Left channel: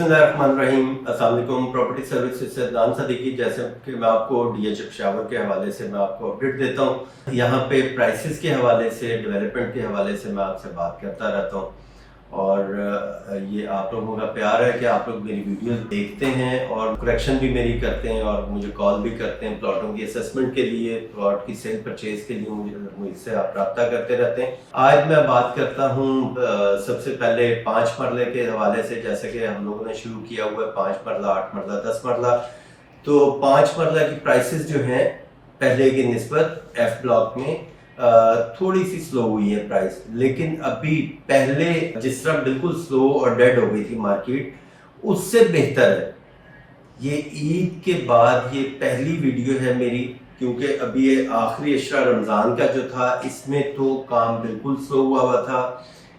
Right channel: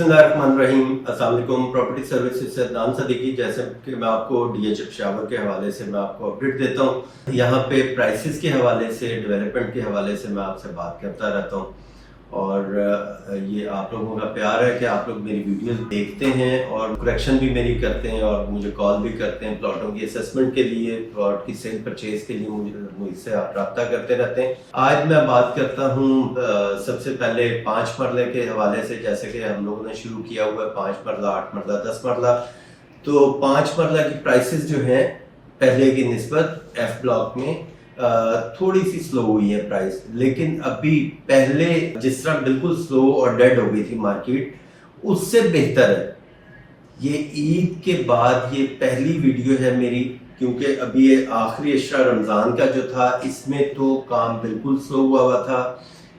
बिस्मिल्लाहिर्रहमानिर्रहीम। अस्सलाम वालेकुम। प्रॉपर्टी सर्विसेज से अदनान सदीकी। जैसे कि मैं आपको डीएच पेशावर के हवाले से मैं आपको अपडेट देता हूँ, यहाँ पे प्राइसेस के हवाले से, डेवलपमेंट के हवाले से मैं आपसे बात करता रहता हूँ। और ये आप लोगों का प्यार है कि आप लोग मेरी वीडियोस देखते हैं और करेक्शन भी मेरी करते हैं और मुझे कॉल भी करते हैं प्लॉटों की असेसमेंट के लिए, प्लॉट की सेल परचेज के लिए मुझसे आप रब्ता करते रहते हैं। आज मैं बात करता हूँ सबसे पहले 5 मरले के हवाले से। जैसे कि हम लोगों ने शुरू किया हुआ है 5 मरला, 8 मरला, 10 मरला। तो 5 मरला की प्राइसेस जो हैं पहले की निस्बत एफ ब्लॉक में थोड़ी सी स्लो हुई है प्राइस, लेकिन अभी पहले जिस तरह बिल्कुल स्लो और डेड हो गई थी मार्केट, उससे बेहतर है। ये ईद के बाद ये पहली वीडियो है मेरी, क्योंकि अभी ये आखिरी अशरा रमज़ान का जो था इसमें तो काम बिल्कुल स्लो हुआ था।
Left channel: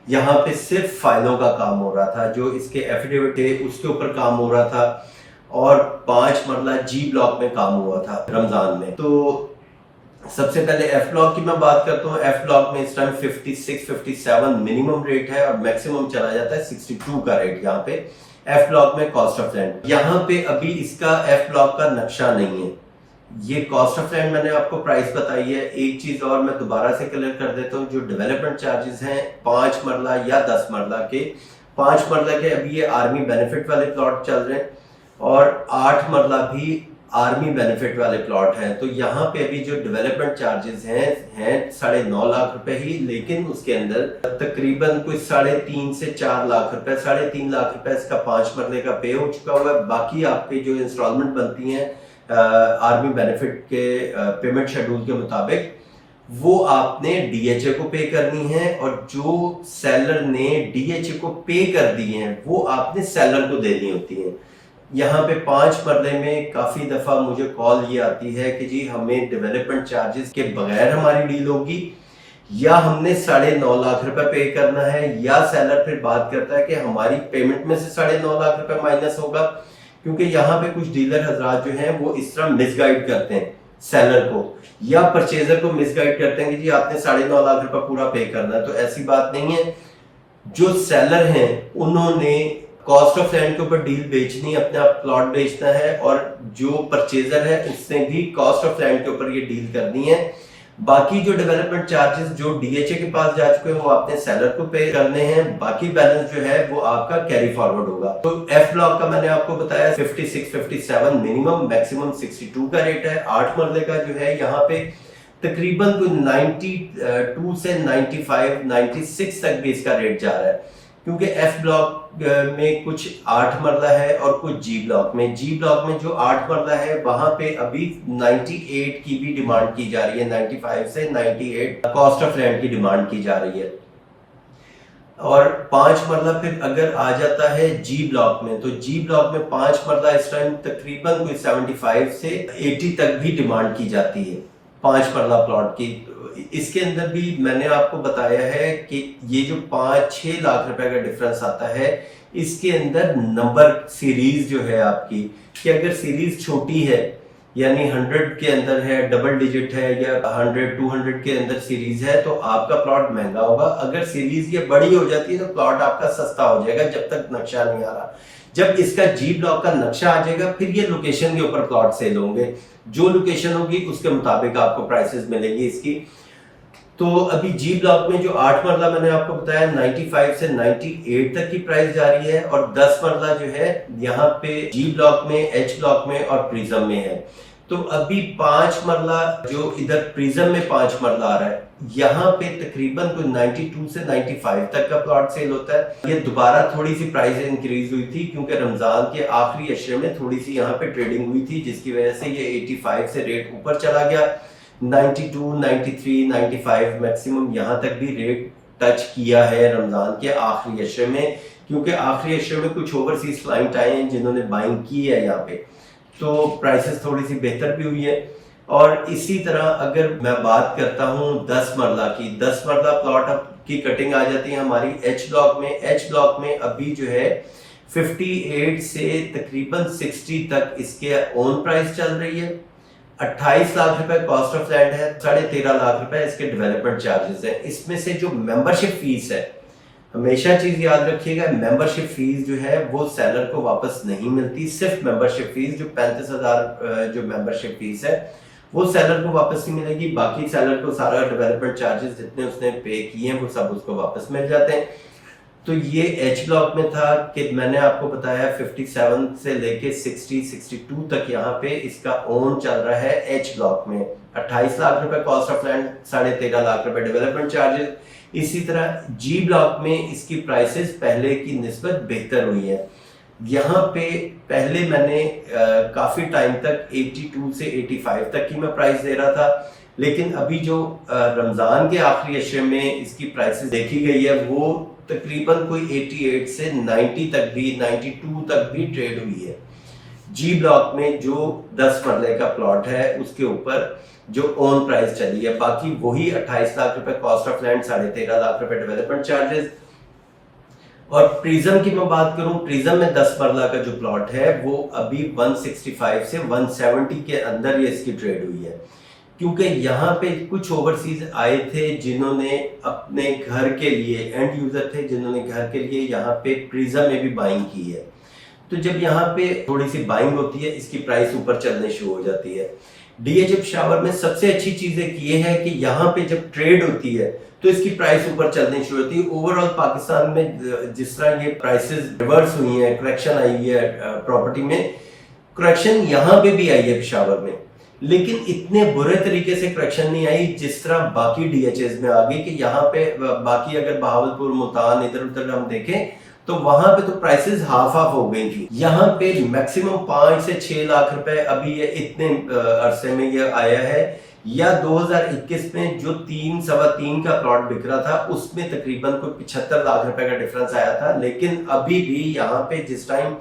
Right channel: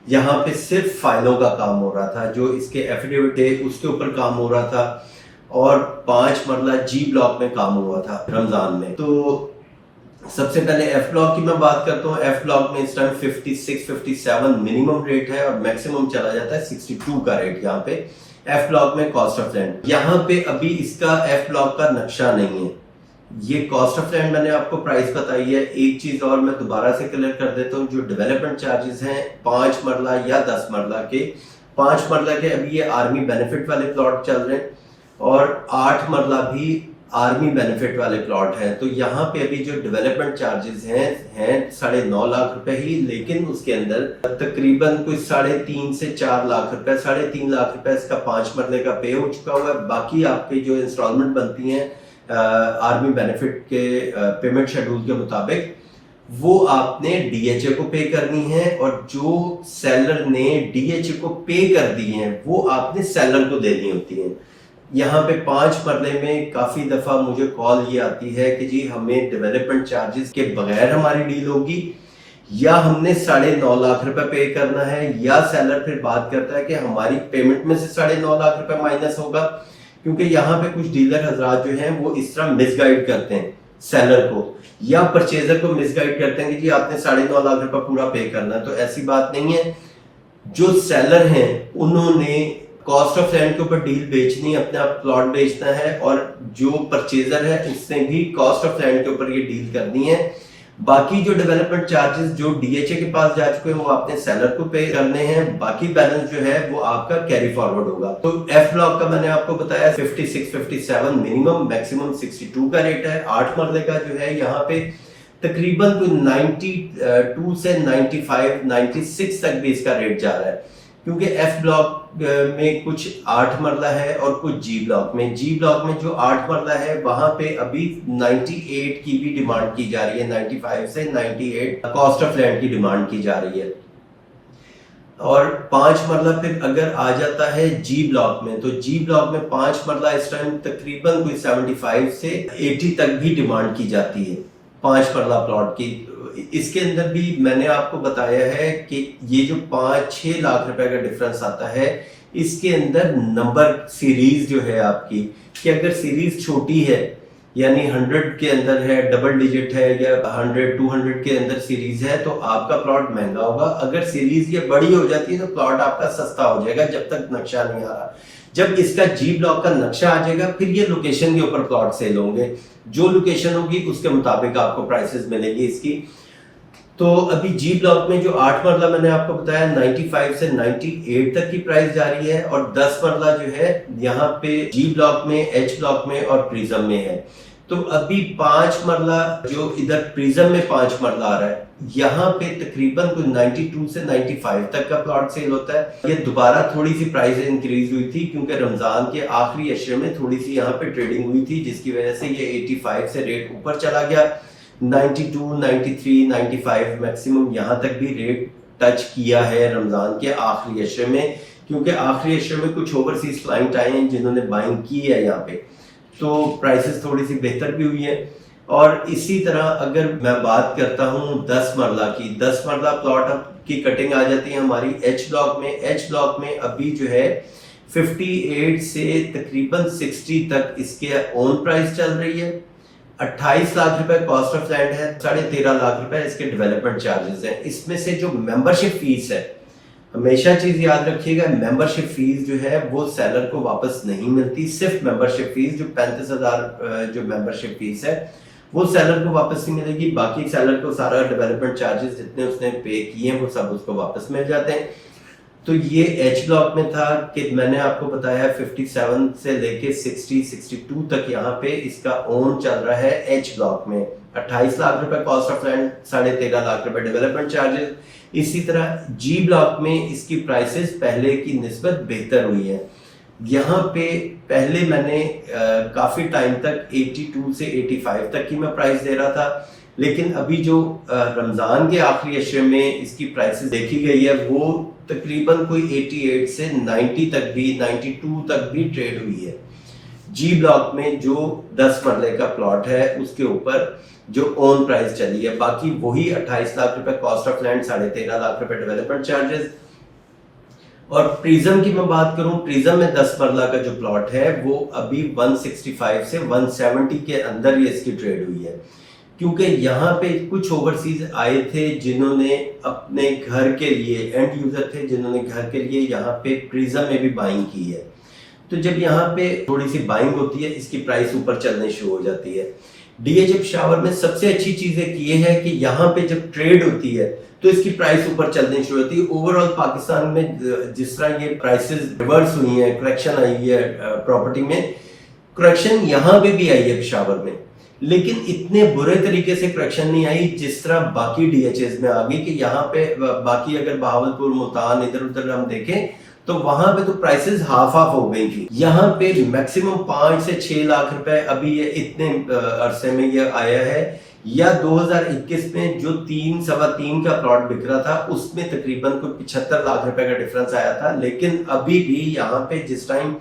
यहाँ पे सिर्फ फाइलों का काम हो रहा था, जो इसके एफिडेविट है उसके ऊपर काम हो रहा था, और 5 मरला जी ब्लॉक में काम हुआ था रमज़ान में। तो सबसे पहले एफ ब्लॉक की मैं बात करता हूँ। एफ ब्लॉक में इस टाइम 56-57 मिनिमम रेट है और मैक्सिमम चला जाता है 62 का रेट यहाँ पे एफ ब्लॉक में। कॉस्ट ऑफ लैंड यहाँ पे अभी इसका एफ ब्लॉक का नक्शा नहीं है। ये कॉस्ट ऑफ लैंड मैंने आपको प्राइस बताई है। एक चीज और मैं दोबारा से क्लियर कर देता हूँ, जो डेवलपमेंट चार्जेस हैं 5 मरला या 10 मरला के, 5 मरला के अभी ये आर्मी बेनिफिट वाले प्लॉट चल रहे हैं और 8 मरला भी आर्मी बेनिफिट वाले प्लॉट हैं। तो यहाँ पे अभी जो डेवलपमेंट चार्जेस हैं 9.5 लाख रुपए ही, लेकिन उसके अंदर तकरीबन कुछ 3.5 से 4 लाख रुपए, 3.5 लाख रुपए इसका 5 मरले का पे हो चुका हुआ है। बाकी आपके जो इंस्टॉलमेंट बनती हैं आर्मी बेनिफिट के पेमेंट शेड्यूल के मुताबिक, वो आपने डीएचए को पे करनी है, और जो सेलर ने डीएचए को पे कर दी है वो आपने सेलर को देनी होती है। यहाँ पे 5 मरले में काफी दफा मुझे कॉल ये आती है कि जी हमें डेवलपमेंट चार्जेस के बगैर हमारी डील होगी, या हमने 9.5 लाख रुपए पे करना है, या सेलर फिर बात करता है कि हमारी पेमेंट में से 9.5 लाख रुपए माइनस होगा। क्योंकि यहाँ पे कुछ डीलर हजरात जो हैं वो इस तरह मिसगाइड करते हैं सेलर को या परचेजर को मिसगाइड करते हैं कि जी आपने 9.5 लाख रुपए पूरा पे करना है। तो ऐसी बात नहीं है। जो सेलर हैं उन्होंने कॉस्ट ऑफ लैंड के ऊपर डील बेचनी, अपने आप प्लॉट बेचना है, और जो परचेजर है उसने भी कॉस्ट ऑफ लैंड के ऊपर ये डील करनी है। बाकी जो डेवलपमेंट चार्जेस जो डीएचए के पास जा चुके हैं वो आपने सेलर को पे करने हैं। बाकी बैलेंस जो है वो आपका कैरी फॉरवर्ड होगा। तो एफ ब्लॉक का मैंने आपको बताया 56-57 मिनिमम, मैक्सिमम 62 का रेट है। 8 मरले का जो है यहाँ पे तकरीबन कोई 92 से 95-96 तक भी इसका रेट जा रहा है, क्योंकि एफ ब्लॉक में कुछ 8 मरला है और कुछ जी ब्लॉक में जो 8 मरला है वहां पे अभी 98 की भी डिमांड की जा रही है। 95 से 98 कॉस्ट ऑफ लैंड की डिमांड की जा रही है। और 5 मरला फिर अगर आ जाता है जी ब्लॉक में, तो जी ब्लॉक में 5 मरला इस टाइम तकरीबन कोई 75 से 80 तक भी डिमांड की जाती है 5 मरला प्लॉट की। इसके अंदर भी मैंने आपको बताया है कि ये जो 5-6 लाख रुपए का डिफरेंस आता है, इसके अंदर नंबर सीरीज जो है आपकी, कि अगर सीरीज छोटी है यानी 100 के अंदर है, डबल डिजिट है, या 100-200 के अंदर सीरीज है, तो आपका प्लॉट महंगा होगा। अगर सीरीज ये बड़ी हो जाती है तो प्लॉट आपका सस्ता हो जाएगा, जब तक नक्शा नहीं आ रहा। जब इसका जी ब्लॉक का नक्शा आ जाएगा फिर ये लोकेशन के ऊपर प्लॉट सेल होंगे, जो लोकेशन होगी उसके मुताबिक आपको प्राइसेस मिलेंगी इसकी। तो अभी जी ब्लॉक में जो 8 मरला मैंने आपको बताया 95 से 98 तक की प्राइस जा रही है, और 10 मरला जो है यहाँ पे जी ब्लॉक में, एच ब्लॉक में और प्रिज्म में है। तो अभी 5 मरला जो इधर प्रिज्म में 5 मरला आ रहा है, यहाँ पे तकरीबन कोई 92 से 95 तक का प्लॉट सेल होता है। ये दोबारा थोड़ी सी प्राइस इंक्रीज हुई थी क्योंकि रमजान के आखिरी अशरे में थोड़ी सी यहाँ पे ट्रेडिंग हुई थी, जिसकी वजह से ये 85 से रेट ऊपर चला गया। 92, 93, 95 मैक्सिमम यहाँ तक भी रेट टच किया है रमजान के आखिरी अशरे में, क्योंकि आखिरी अशरे में कुछ ओवरसीज क्लाइंट आए हैं जिन्होंने बाइंग की है यहाँ पे, तो प्राइसेस थोड़ी सी बेहतर भी हुई है। और इसी तरह अगर मैं बात करता हूँ 10 मरला की, 10 मरला प्लॉट की कटिंग आ जाती है हमारी एच ब्लॉक में। एच ब्लॉक में अभी जो है 58 से तकरीबन 60 तक इसके ओन प्राइस चल रही है। 28 लाख रुपए कॉस्ट ऑफ लैंड है, 13.5 लाख रुपए इसके डेवलपमेंट चार्जेस हैं। इसमें से जो मेंबरशिप फीस है हमेशा चीज याद रखिएगा, मेंबरशिप फीस जो है वो सेलर को वापस नहीं मिलती। सिर्फ मेंबरशिप फीस जो 35,000 जो मेंबरशिप फीस है वो सेलर को वापस नहीं मिलेगी। बाकी सेलर को सारा डेवलपमेंट चार्जेस जितने उसने पे किए हैं वो सब उसको वापस मिल जाते हैं। तो ये एच ब्लॉक में था कि मैंने आपको बताया 57 से लेके 60-62 तक यहाँ पे इसका ओन चल रहा है। एच ब्लॉक में 28 लाख रुपए कॉस्ट ऑफ लैंड, 13.5 लाख रुपए डेवलपमेंट चार्जेस। इसी तरह जी ब्लॉक में इसकी प्राइसेस पहले की निस्बत बेहतर हुई है। यहाँ पे पहले मैंने काफी टाइम तक 82 से 85 तक की मैं प्राइस दे रहा था, लेकिन अभी जो रमजान के आखिरी अशरे में इसकी प्राइसेस देखी गई है वो तकरीबन कोई 88 से 90 तक भी, 92 तक भी ट्रेड हुई है। जी ब्लॉक में जो 10 मरले का प्लॉट है उसके ऊपर जो ओन प्राइस चली है, बाकी वही 28 लाख रुपए कॉस्ट ऑफ लैंड, 13.5 लाख रुपए डेवलपमेंट चार्जेस। और प्रिज्म की मैं बात करूं, प्रिज्म में 10 मरला का जो प्लॉट है वो अभी 165 से 170 के अंदर ये इसकी ट्रेड हुई है, क्योंकि यहाँ पे कुछ ओवरसीज आए थे जिन्होंने अपने घर के लिए, एंड यूजर थे जिन्होंने घर के लिए यहाँ पे प्रिज्म में भी बाइंग की है। तो जब यहाँ पे थोड़ी सी बाइंग होती है इसकी प्राइस ऊपर चलने शुरू हो जाती है। डीएच पेशावर में सबसे अच्छी चीजें ये है कि यहाँ पे जब ट्रेड होती है तो इसकी प्राइस ऊपर चलनी शुरू होती है। ओवरऑल पाकिस्तान में जिस तरह ये प्राइसेस रिवर्स हुई है, करेक्शन आई है प्रॉपर्टी में, करेक्शन यहाँ पे भी आई है पेशावर में, लेकिन इतने बुरे तरीके से करेक्शन नहीं आई जिस तरह बाकी डीएचएस में आ गई। कि यहाँ पे बाकी अगर बहावलपुर, मुल्तान, इधर उधर हम देखें तो वहां पे तो प्राइसेस हाफ हाफ हो गई थी। यहाँ पे मैक्सिमम 5 से 6 लाख रुपए अभी ये इतने अरसे में ये आया है। या 2021 में जो 3-3.25 का प्लॉट बिक रहा था उसमें तकरीबन कोई 75 लाख रुपए का डिफरेंस आया था। लेकिन अभी भी यहाँ पे जिस टाइम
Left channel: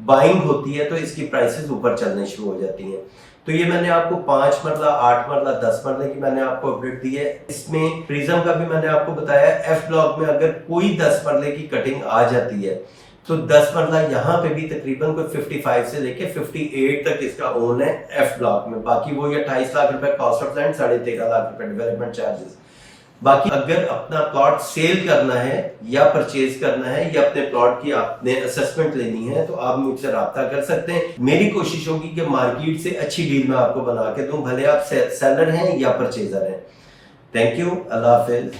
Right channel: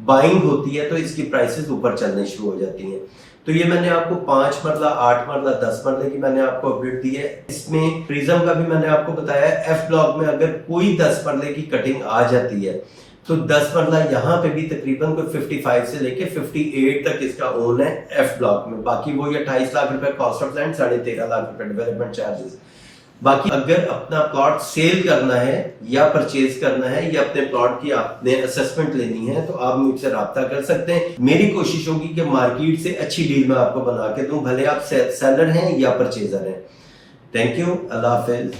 बाइंग होती है तो इसकी प्राइसेस ऊपर चलने शुरू हो जाती हैं। तो ये मैंने आपको 5 मरला, 8 मरला, 10 मरले की मैंने आपको अपडेट दी है। इसमें प्रिज्म का भी मैंने आपको बताया। एफ ब्लॉक में अगर कोई 10 मरले की कटिंग आ जाती है तो 10 मरला यहाँ पे भी तकरीबन कोई 55 से लेके 58 तक इसका ओन है एफ ब्लॉक में। बाकी वो 28 लाख रुपए कॉस्ट ऑफ लैंड, 13.5 लाख रुपए डेवलपमेंट चार्जेस। बाकी अगर अपना प्लॉट सेल करना है या परचेज करना है या अपने प्लॉट की आपने असेसमेंट लेनी है तो आप मुझसे राब्ता कर सकते हैं। मेरी कोशिश होगी कि मार्केट से अच्छी डील मैं आपको बना के दूं, भले आप सेलर हैं या परचेजर हैं। Thank you, Allah Hafiz.